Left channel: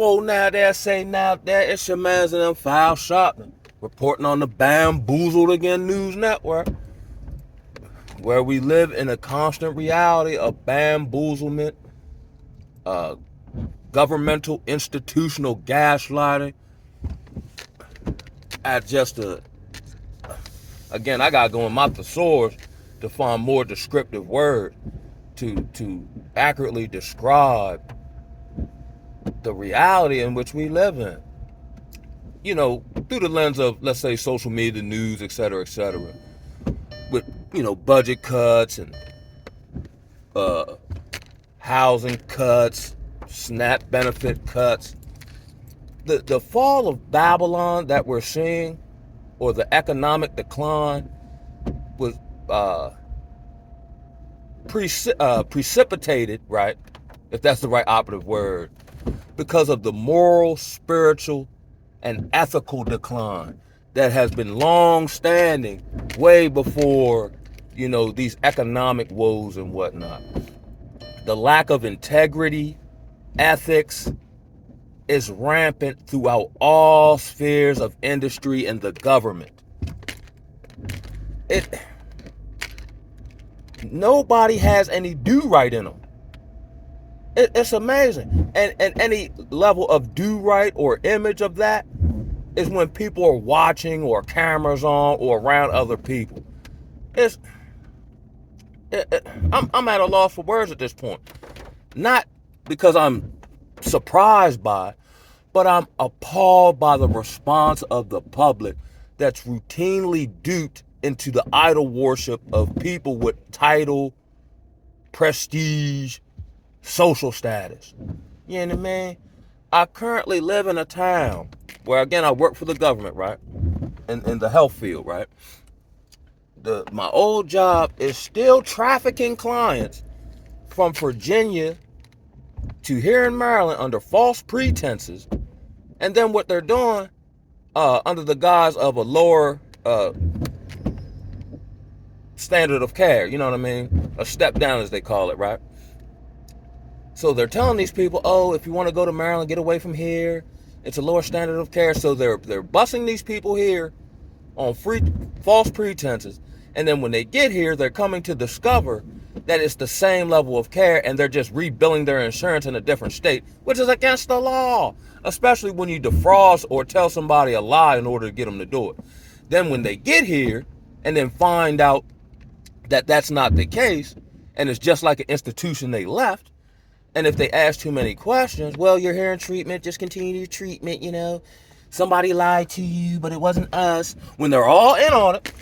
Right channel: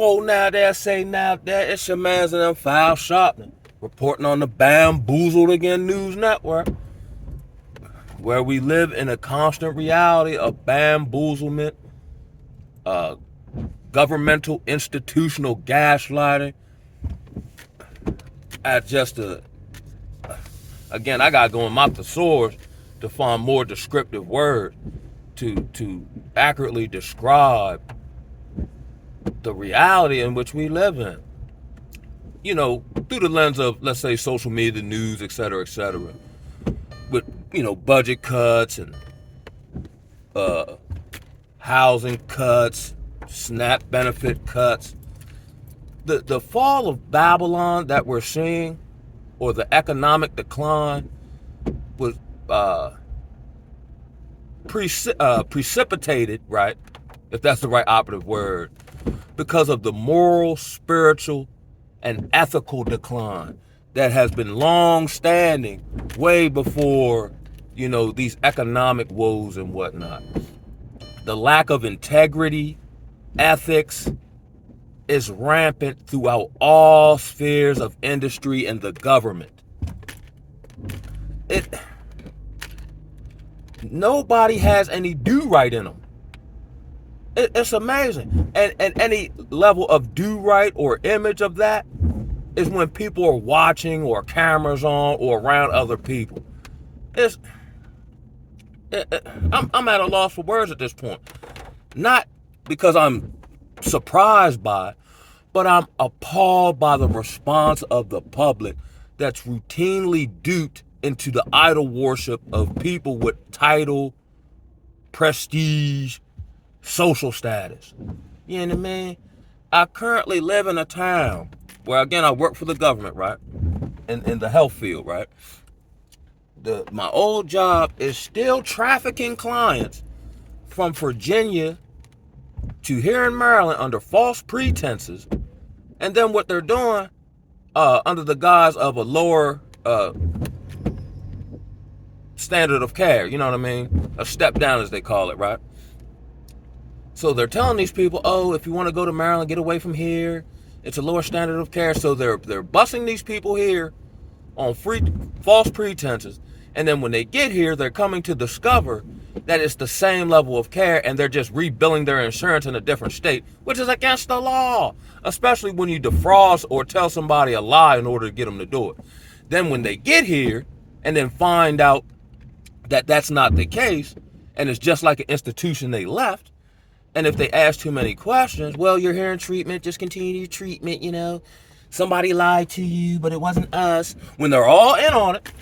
Whoa, now there, say now there, it's your man's and them foul shopping. Reporting on the Bamboozled Again News Network, where we live in a constant reality of bamboozlement, governmental institutional gaslighting. Again, I gotta go in my thesaurus to find more descriptive words to accurately describe the reality in which we live in. You know, through the lens of, let's say, social media, news, et cetera, with, budget cuts and housing cuts, SNAP benefit cuts. The fall of Babylon that we're seeing, or the economic decline, was precipitated, right, if that's the right operative word, because of the moral, spiritual, and ethical decline that has been long standing way before, these economic woes and whatnot. The lack of integrity, ethics is rampant throughout all spheres of industry and the government. Nobody has any do right in them. It's amazing. And any level of do right or image of that is when people are watching or cameras on or around other people. I'm at a loss for words at this point. Not because I'm surprised by it, but I'm appalled by the response of the public that's routinely duped into the idol worship of people with title, prestige, social status. You know what I mean? I currently live in a town where, again, I work for the government, right? In the health field, right? My old job is still trafficking clients from Virginia to here in Maryland under false pretenses. And then what they're doing, under the guise of a lower standard of care, you know what I mean? A step down, as they call it, right? So they're telling these people, oh, if you want to go to Maryland, get away from here. It's a lower standard of care. So they're busing these people here on false pretenses. And then when they get here, they're coming to discover that it's the same level of care, and they're just rebilling their insurance in a different state, which is against the law, especially when you defraud or tell somebody a lie in order to get them to do it. Then when they get here and then find out that that's not the case, and it's just like an institution they left, and if they ask too many questions, well, you're here in treatment, just continue your treatment, somebody lied to you, but it wasn't us, when they're all in on it.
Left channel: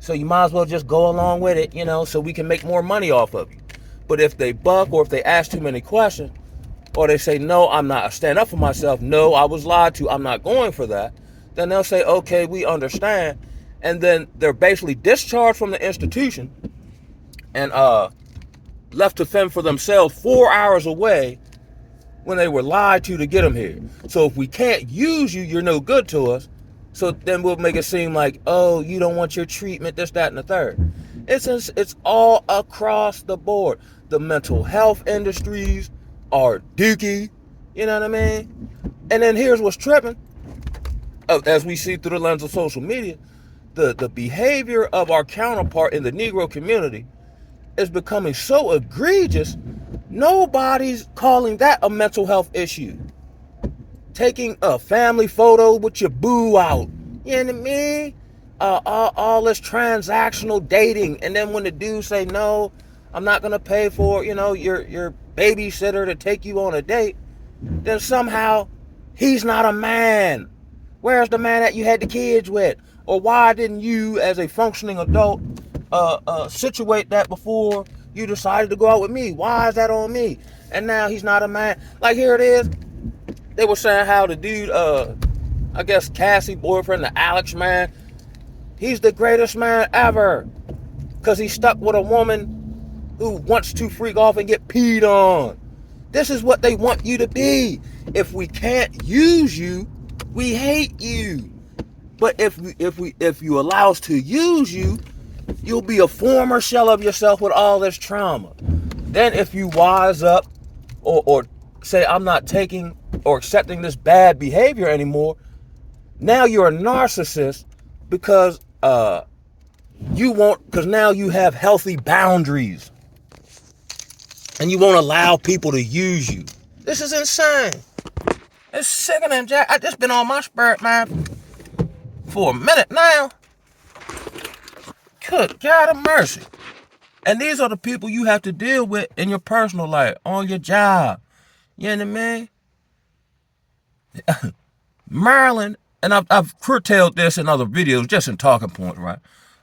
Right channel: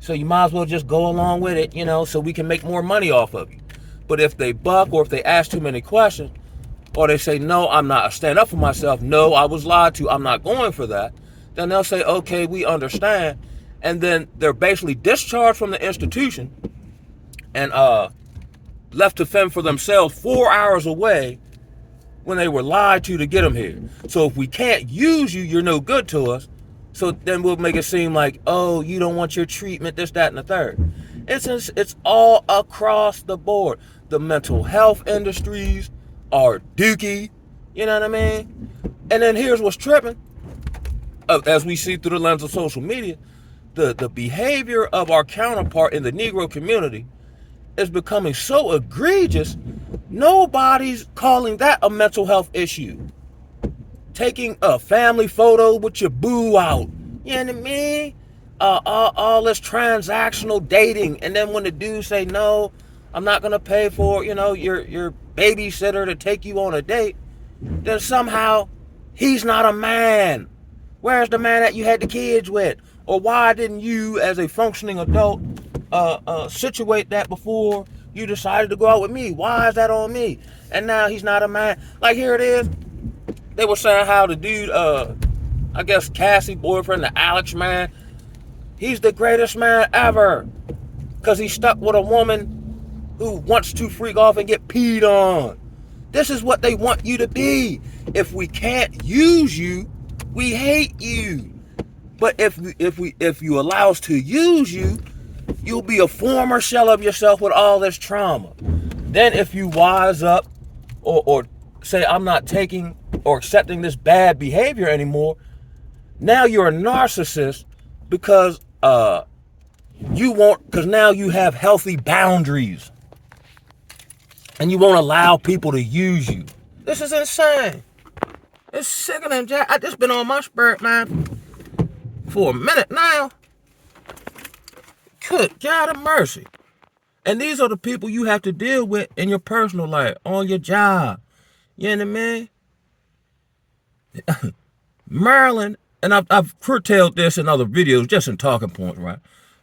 So you might as well just go along with it, so we can make more money off of you. But if they buck, or if they ask too many questions, or they say, no, I'm not, I stand up for myself, no, I was lied to, I'm not going for that, then they'll say, okay, we understand. And then they're basically discharged from the institution and left to fend for themselves 4 hours away when they were lied to get them here. So if we can't use you, you're no good to us. So then we'll make it seem like, oh, you don't want your treatment, this, that, and the third. It's all across the board. The mental health industries are dookie, you know what I mean? And then here's what's tripping. As we see through the lens of social media, the behavior of our counterpart in the Negro community is becoming so egregious, nobody's calling that a mental health issue. Taking a family photo with your boo out, you know what I mean? All this transactional dating, and then when the dude say, no, I'm not gonna pay for, your babysitter to take you on a date, then somehow he's not a man. Where's the man that you had the kids with? Or why didn't you, as a functioning adult, situate that before you decided to go out with me? Why is that on me? And now he's not a man. Like, here it is. They were saying how the dude, I guess Cassie boyfriend, the Alex man, he's the greatest man ever. Because he's stuck with a woman who wants to freak off and get peed on. This is what they want you to be. If we can't use you, we hate you. But if you allow us to use you, you'll be a former shell of yourself with all this trauma. Then if you wise up or say, I'm not taking or accepting this bad behavior anymore, now you're a narcissist because because now you have healthy boundaries and you won't allow people to use you. This is insane. It's sickening, Jack. I just been on my spirit, man, for a minute now. Good God of mercy. And these are the people you have to deal with in your personal life, on your job. You know what I mean? Maryland, and I've curtailed this in other videos, just in talking points, right?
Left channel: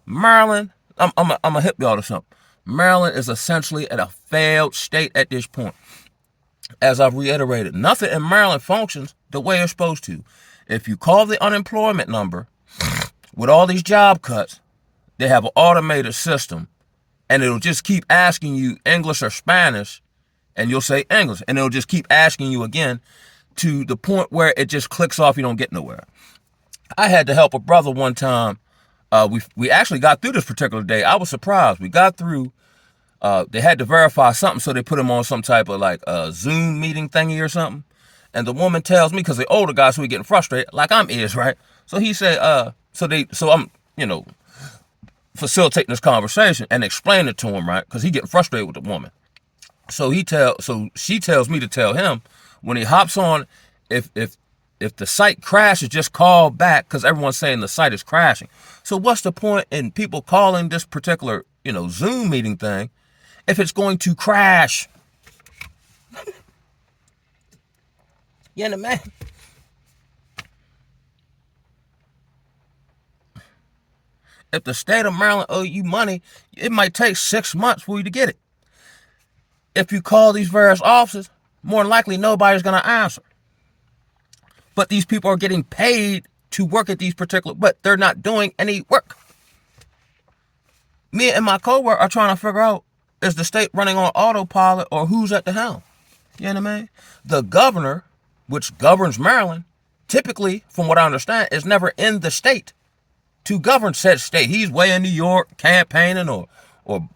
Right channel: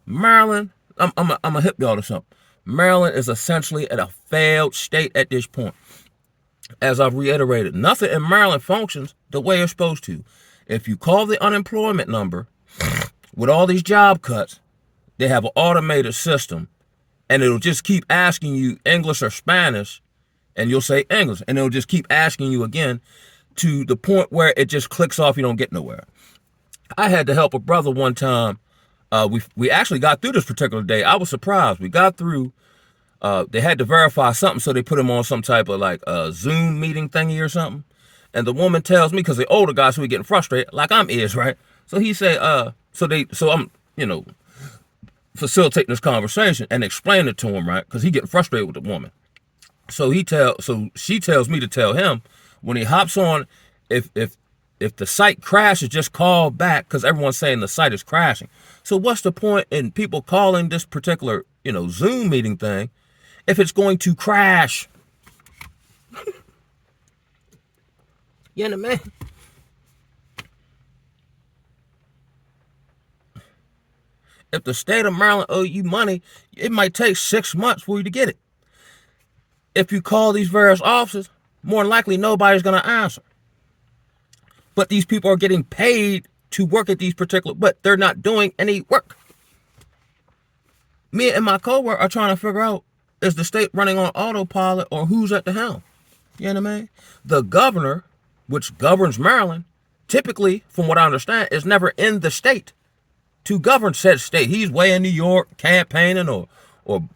Maryland, I'm a hip y'all to something. Maryland is essentially at a failed state at this point. As I've reiterated, nothing in Maryland functions the way it's supposed to. If you call the unemployment number with all these job cuts, they have an automated system, and it'll just keep asking you English or Spanish, and you'll say English, and it'll just keep asking you again to the point where it just clicks off. You don't get nowhere. I had to help a brother one time. We actually got through this particular day. I was surprised. We got through. They had to verify something, so they put him on some type of like Zoom meeting thingy or something. And the woman tells me, because the older guy, so he getting frustrated, like I'm right? So he said, so I'm, facilitating this conversation and explaining it to him, right? Because he getting frustrated with the woman. So she tells me to tell him when he hops on, if the site crashes, just call back, because everyone's saying the site is crashing. So what's the point in people calling this particular, Zoom meeting thing if it's going to crash? You know, man. If the state of Maryland owe you money, it might take 6 months for you to get it. If you call these various offices, more than likely nobody's going to answer. But these people are getting paid to work at these but they're not doing any work. Me and my coworker are trying to figure out, is the state running on autopilot or who's at the helm? You know what I mean? The governor, which governs Maryland, typically, from what I understand, is never in the state to govern said state. He's way in New York campaigning or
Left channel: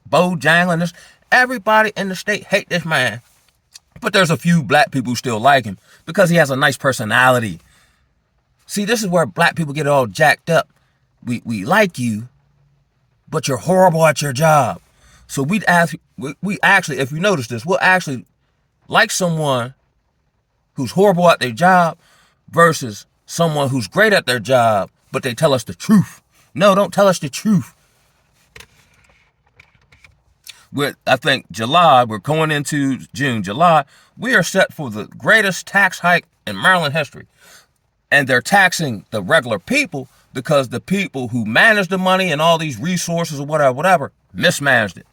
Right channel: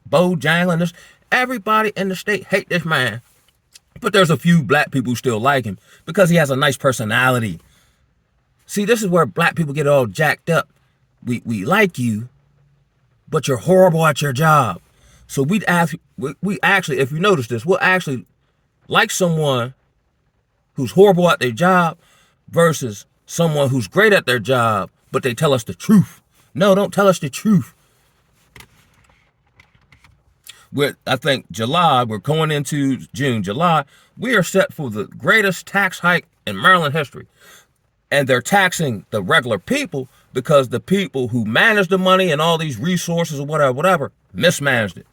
bojangling this. Everybody in the state hate this man. But there's a few black people who still like him because he has a nice personality. See, this is where black people get all jacked up. We like you, but you're horrible at your job. So we actually, if you notice this, we'll actually like someone who's horrible at their job versus someone who's great at their job, but they tell us the truth. No, don't tell us the truth. I think July, we're going into June, July, we are set for the greatest tax hike in Maryland history. And they're taxing the regular people because the people who manage the money and all these resources or whatever, mismanaged it.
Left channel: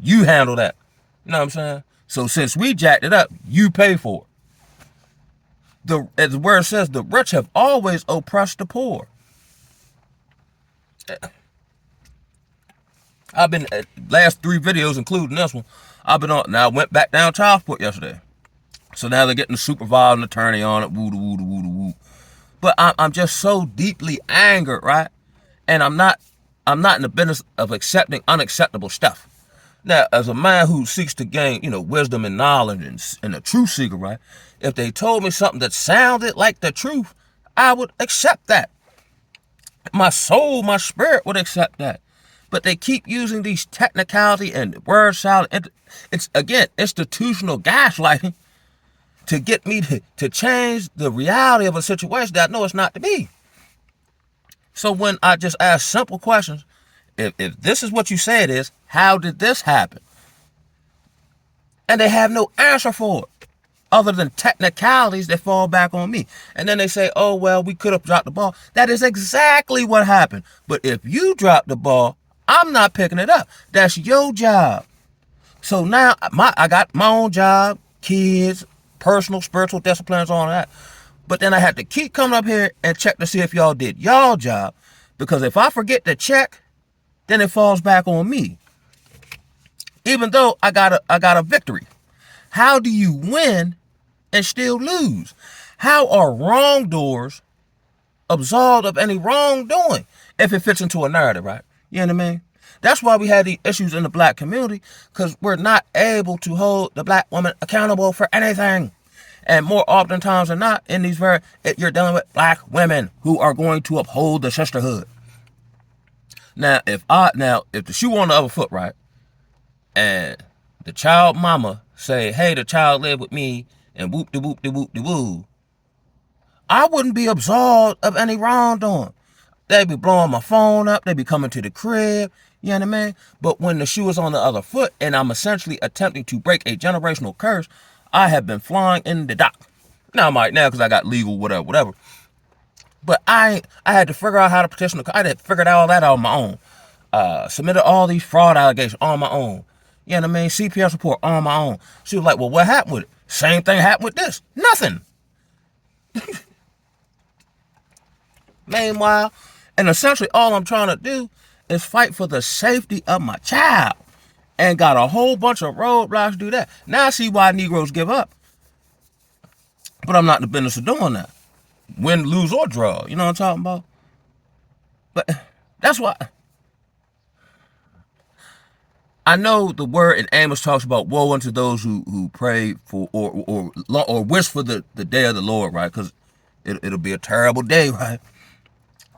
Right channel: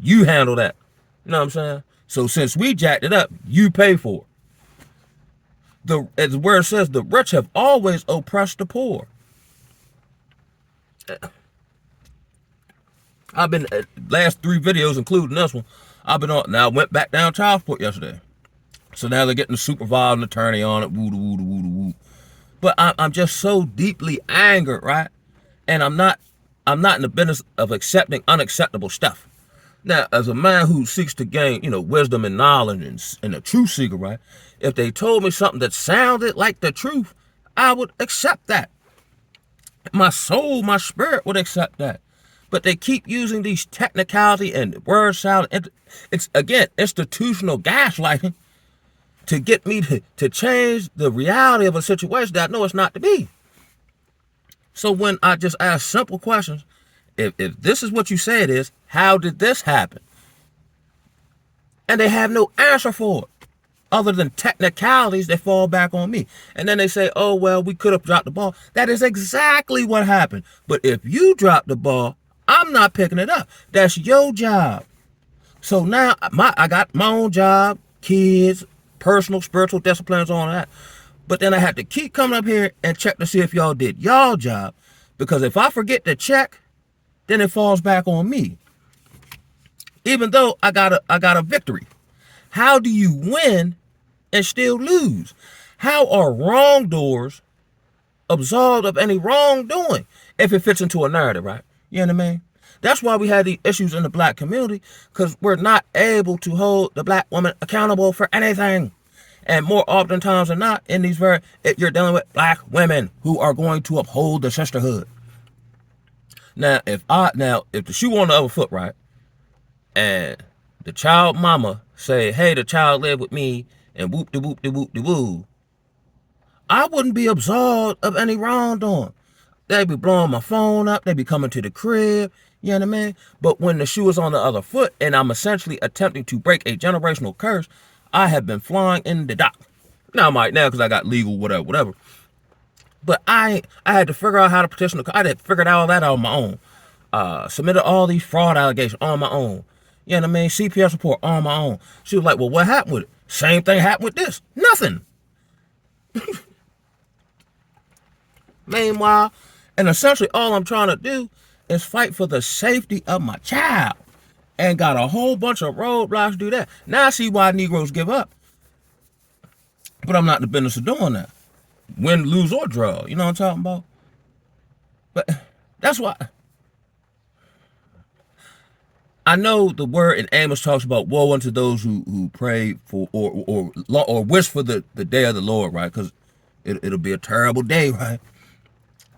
You handle that. You know what I'm saying? So since we jacked it up, you pay for it. As where it says, the rich have always oppressed the poor. I've been, last 3 videos, including this one, I've been on, now I went back down child support yesterday. So now they're getting the supervising attorney on it, woo. But I'm just so deeply angered, right? And I'm not in the business of accepting unacceptable stuff. Now, as a man who seeks to gain, wisdom and knowledge and a truth seeker, right? If they told me something that sounded like the truth, I would accept that. My soul, my spirit would accept that. But they keep using these technicality and word salad. It's, again, institutional gaslighting to get me to change the reality of a situation that I know it's not to be. So when I just ask simple questions, if this is what you say it is, how did this happen? And they have no answer for it, other than technicalities that fall back on me. And then they say, oh, well, we could have dropped the ball. That is exactly what happened. But if you drop the ball, I'm not picking it up. That's your job. So now I got my own job, kids, personal, spiritual disciplines, all that. But then I had to keep coming up here and check to see if y'all did y'all job. Because if I forget to check, then it falls back on me. Even though I got a victory. How do you win and still lose? How are wrongdoers absolved of any wrongdoing if it fits into a narrative, right? You know what I mean? That's why we had these issues in the black community, because we're not able to hold the black woman accountable for anything. And more oftentimes than not, in these you're dealing with black women who are going to uphold the sisterhood. Now, if the shoe on the other foot, right, and the child mama say, hey, the child live with me, and whoop de whoop de whoop de woo, I wouldn't be absolved of any wrongdoing. They'd be blowing my phone up, they'd be coming to the crib, you know what I mean? But when the shoe is on the other foot and I'm essentially attempting to break a generational curse, I have been flying in the dock. Now I might now because I got legal, whatever. But I had to figure out how to petition I had to figure all that out on my own. Submitted all these fraud allegations on my own. You know what I mean? CPS report on my own. She was like, well, what happened with it? Same thing happened with this. Nothing. Meanwhile, and essentially all I'm trying to do is fight for the safety of my child. And got a whole bunch of roadblocks to do that. Now I see why Negroes give up. But I'm not in the business of doing that. Win, lose, or draw. You know what I'm talking about? But that's why. I know the word in Amos talks about woe unto those who pray for or wish for the day of the Lord, right? Because it'll be a terrible day, right?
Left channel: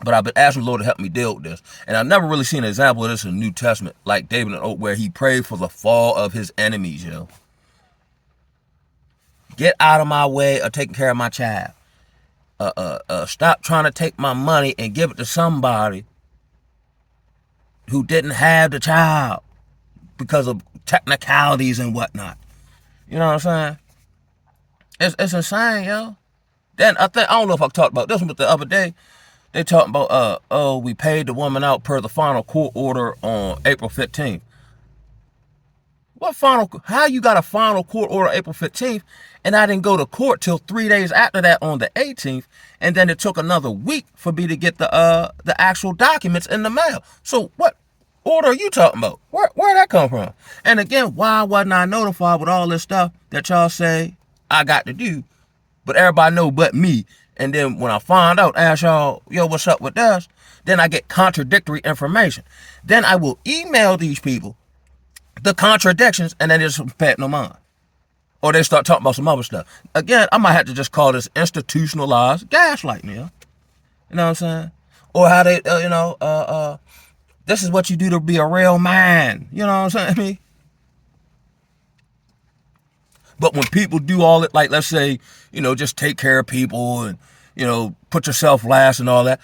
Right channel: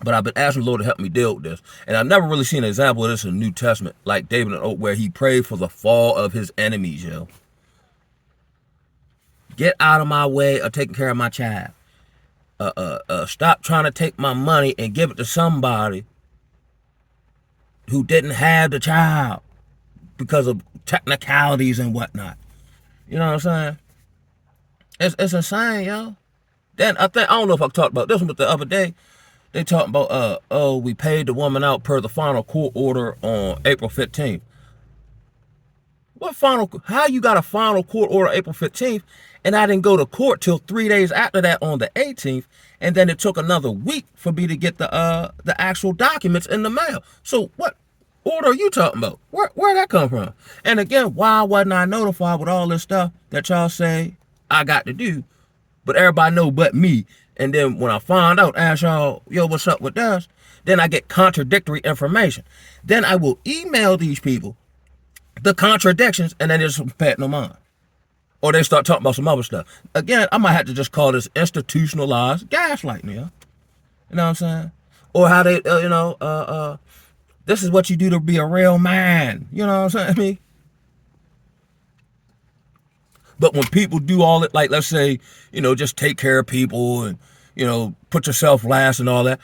But I've been asking the Lord to help me deal with this. And I've never really seen an example of this in the New Testament, like David and Oak, where he prayed for the fall of his enemies, yo. Get out of my way of taking care of my child. Stop trying to take my money and give it to somebody who didn't have the child because of technicalities and whatnot. You know what I'm saying? It's insane, yo. Then I don't know if I talked about this one, but the other day, they talking about, we paid the woman out per the final court order on April 15th. How you got a final court order April 15th, and I didn't go to court till 3 days after that on the 18th, and then it took another week for me to get the actual documents in the mail. So what order are you talking about? Where'd that come from? And again, why wasn't I notified with all this stuff that y'all say I got to do, but everybody know but me? And then when I find out, ask y'all, yo, what's up with this? Then I get contradictory information. Then I will email these people the contradictions, and then they just pay no mind. Or they start talking about some other stuff. Again, I might have to just call this institutionalized gaslighting, you know? You know what I'm saying? Or how they, this is what you do to be a real man. You know what I'm saying? I mean, but when people do all it, like, let's say, just take care of people and, put yourself last and all that.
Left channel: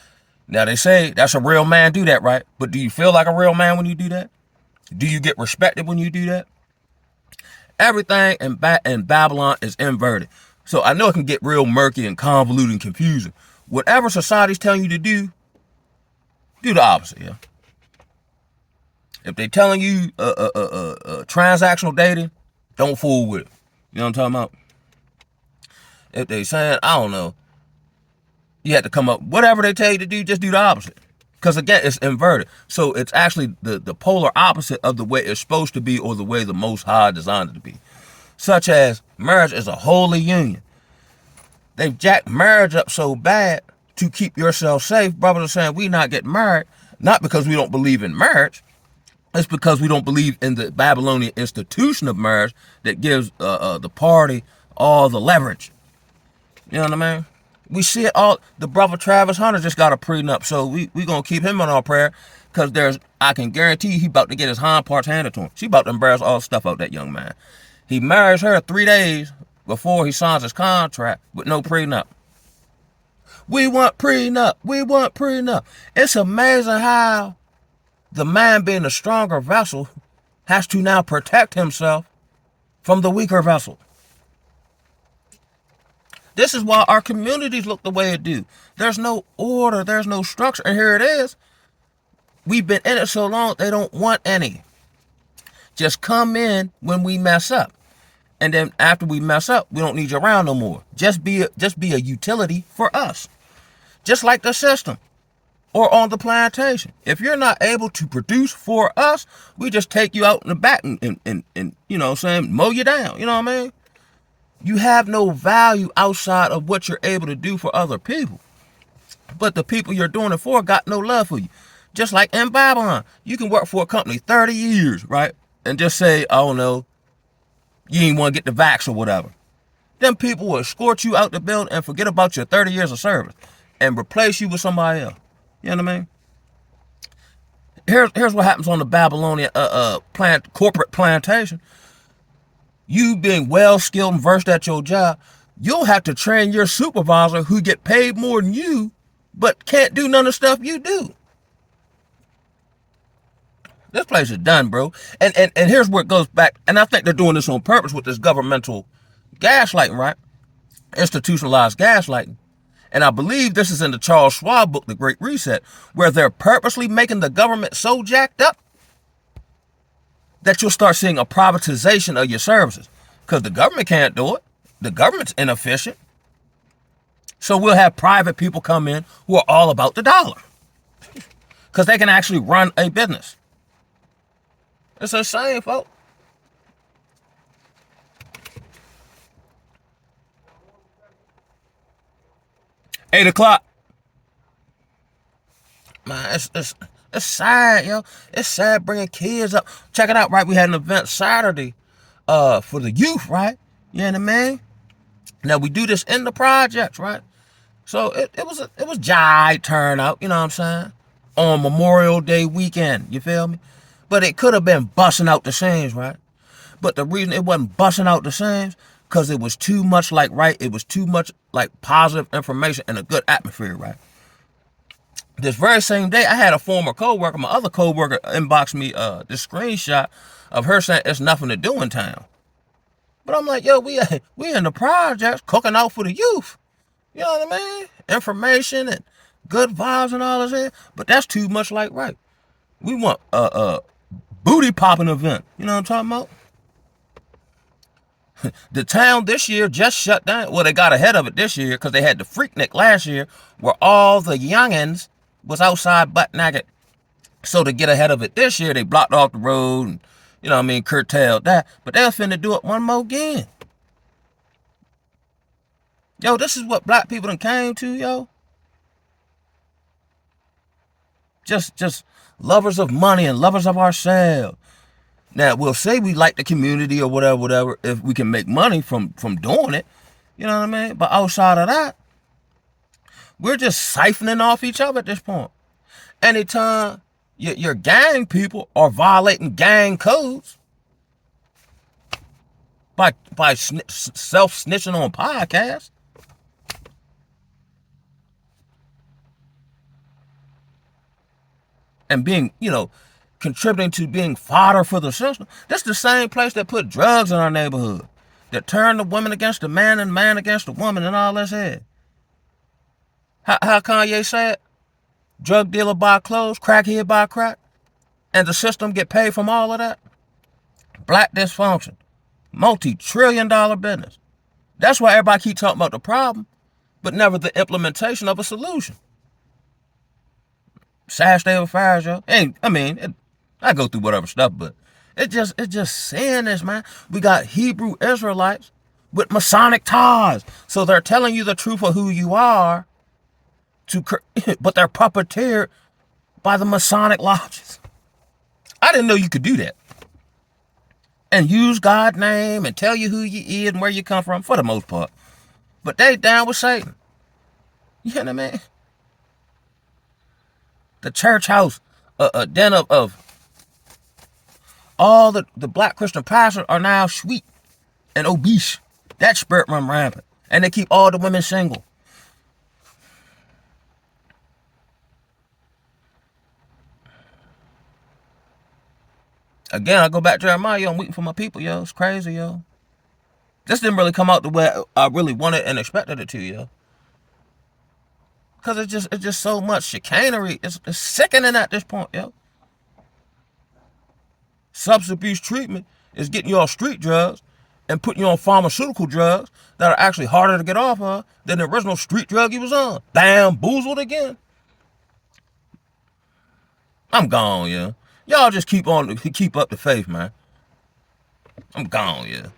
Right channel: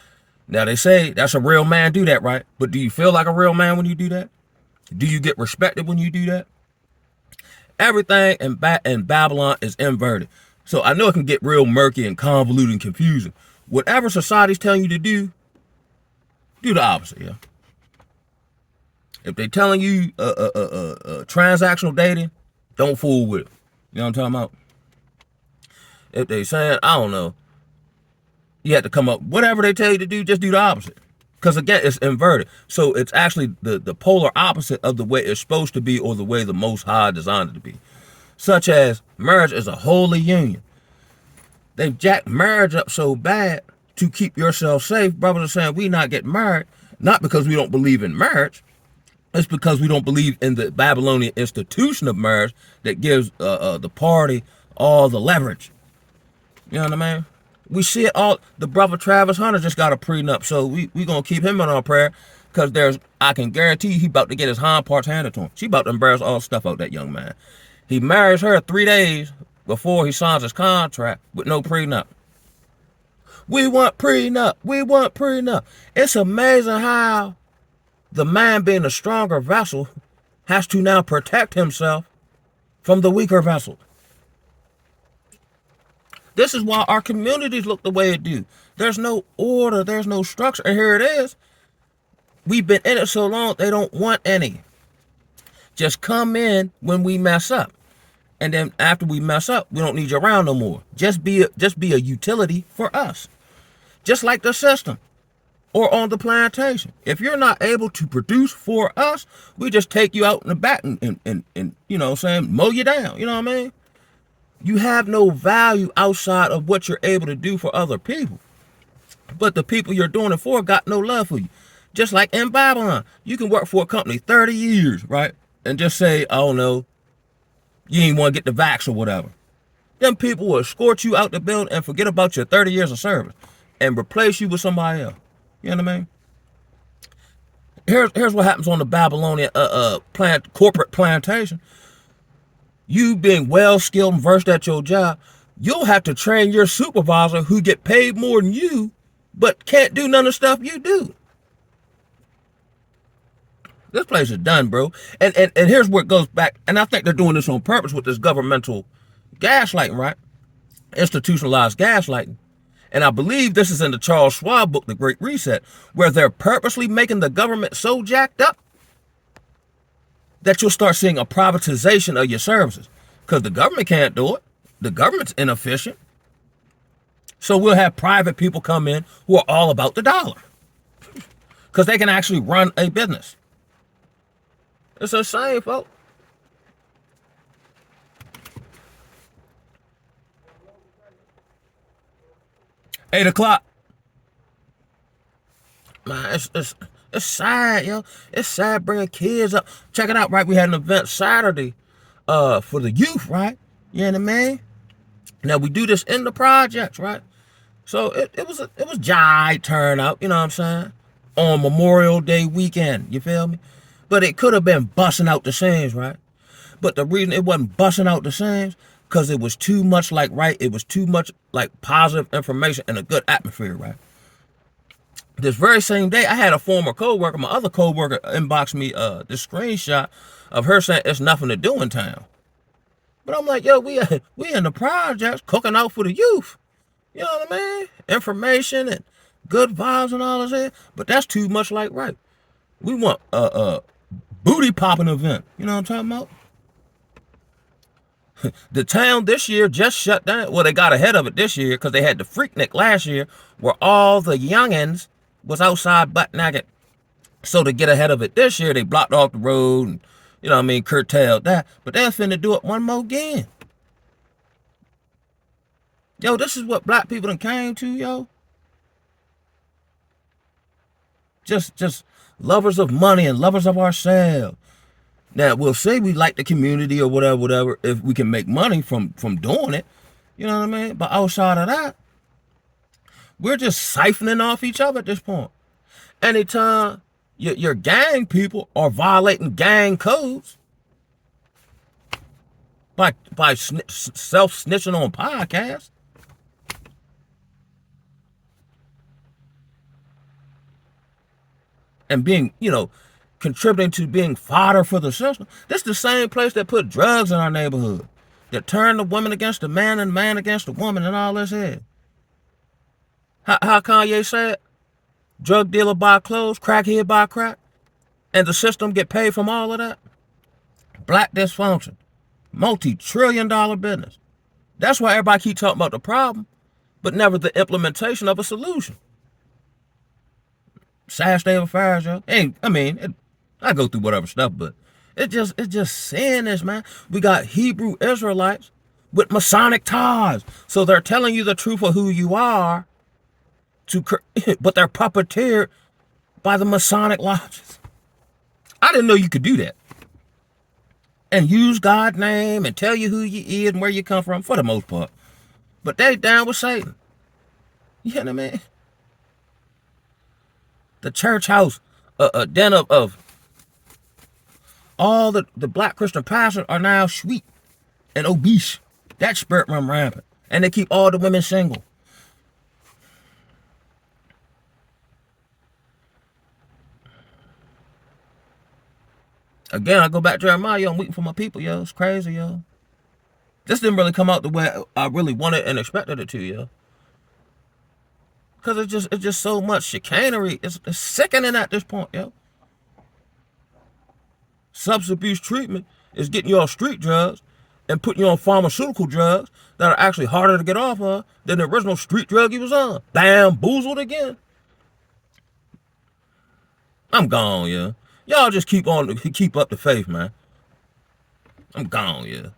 Now, they say that's a real man do that, right? But do you feel like a real man when you do that? Do you get respected when you do that? Everything in Babylon is inverted. So I know it can get real murky and convoluted and confusing. Whatever society's telling you to do the opposite, yeah? If they're telling you transactional dating, don't fool with it. You know what I'm talking about? If they saying, I don't know, you have to come up, whatever they tell you to do, just do the opposite. Because again, it's inverted. So it's actually the polar opposite of the way it's supposed to be or the way the Most High designed it to be. Such as marriage is a holy union. They've jacked marriage up so bad to keep yourself safe. Brothers are saying we not get married, not because we don't believe in marriage. It's because we don't believe in the Babylonian institution of marriage that gives the party all the leverage. You know what I mean? We see it all. The brother Travis Hunter just got a prenup, so we going to keep him in our prayer because I can guarantee you he about to get his hind parts handed to him. She about to embarrass all the stuff out that young man. He marries her 3 days before he signs his contract with no prenup. We want prenup. We want prenup. It's amazing how the man being the stronger vessel has to now protect himself from the weaker vessel. This is why our communities look the way it do. There's no order. There's no structure. And here it is. We've been in it so long, they don't want any. Just come in when we mess up. And then after we mess up, we don't need you around no more. Just be a utility for us. Just like the system or on the plantation. If you're not able to produce for us, we just take you out in the back and you know what I'm saying, mow you down. You know what I mean? You have no value outside of what you're able to do for other people. But the people you're doing it for got no love for you. Just like in Babylon, you can work for a company 30 years, right? And just say, oh no, you ain't want to get the vax or whatever. Them people will escort you out the building and forget about your 30 years of service and replace you with somebody else. You know what I mean? Here's what happens on the Babylonian corporate plantation. You being well skilled and versed at your job, you'll have to train your supervisor who get paid more than you, but can't do none of the stuff you do. This place is done, bro. And here's where it goes back. And I think they're doing this on purpose with this governmental gaslighting, right? Institutionalized gaslighting. And I believe this is in the Charles Schwab book, The Great Reset, where they're purposely making the government so jacked up that you'll start seeing a privatization of your services. Because the government can't do it. The government's inefficient. So we'll have private people come in who are all about the dollar. Because they can actually run a business. It's insane, folks. $8 Man, it's sad, yo. It's sad bringing kids up. Check it out, right? We had an event Saturday for the youth, right? You know what I mean? Now, we do this in the projects, right? So it was giant turnout, you know what I'm saying? On Memorial Day weekend, you feel me? But it could have been busting out the seams, right? But the reason it wasn't busting out the seams, because it was too much like, right? It was too much like positive information and a good atmosphere, right? This very same day, I had a former coworker, my other coworker, inbox me this screenshot of her saying it's nothing to do in town. But I'm like, yo, we in the projects cooking out for the youth. You know what I mean? Information and good vibes and all this. But that's too much like, right? We want booty popping event. You know what I'm talking about? The town this year just shut down. Well, they got ahead of it this year because they had the Freaknik last year where all the youngins was outside butt naked. So to get ahead of it this year, they blocked off the road and, you know what I mean, curtailed that. But they're finna do it one more again. Yo, this is what black people done came to, yo. Just lovers of money and lovers of ourselves. Now, we'll say we like the community or whatever, if we can make money from doing it. You know what I mean? But outside of that, we're just siphoning off each other at this point. Anytime your gang people are violating gang codes by self-snitching on podcasts, and being, you know, contributing to being fodder for the system. This is the same place that put drugs in our neighborhood. That turned the woman against the man and the man against the woman and all this here. How Kanye said, drug dealer buy clothes, crackhead buy crack, and the system get paid from all of that? Black dysfunction. Multi-trillion-dollar business. That's why everybody keep talking about the problem, but never the implementation of a solution. Sad state of affairs, yo. I go through whatever stuff, but it's just saying this, man. We got Hebrew Israelites with Masonic ties, so they're telling you the truth of who you are, but they're puppeteered by the Masonic lodges. I didn't know you could do that. And use God's name and tell you who you is and where you come from, for the most part. But they down with Satan. You know what I mean? The church house, a den of all the black Christian pastors are now sweet and obese. That spirit run rampant. And they keep all the women single. Again, I go back to Jeremiah, yo, I'm waiting for my people, yo. It's crazy, yo. This didn't really come out the way I really wanted and expected it to, yo. Because it's just so much chicanery. It's sickening at this point, yo. Substance abuse treatment is getting you off street drugs and putting you on pharmaceutical drugs that are actually harder to get off of than the original street drug you was on. Bamboozled again. I'm gone, yeah. Y'all just keep up the faith, man. I'm gone, yeah.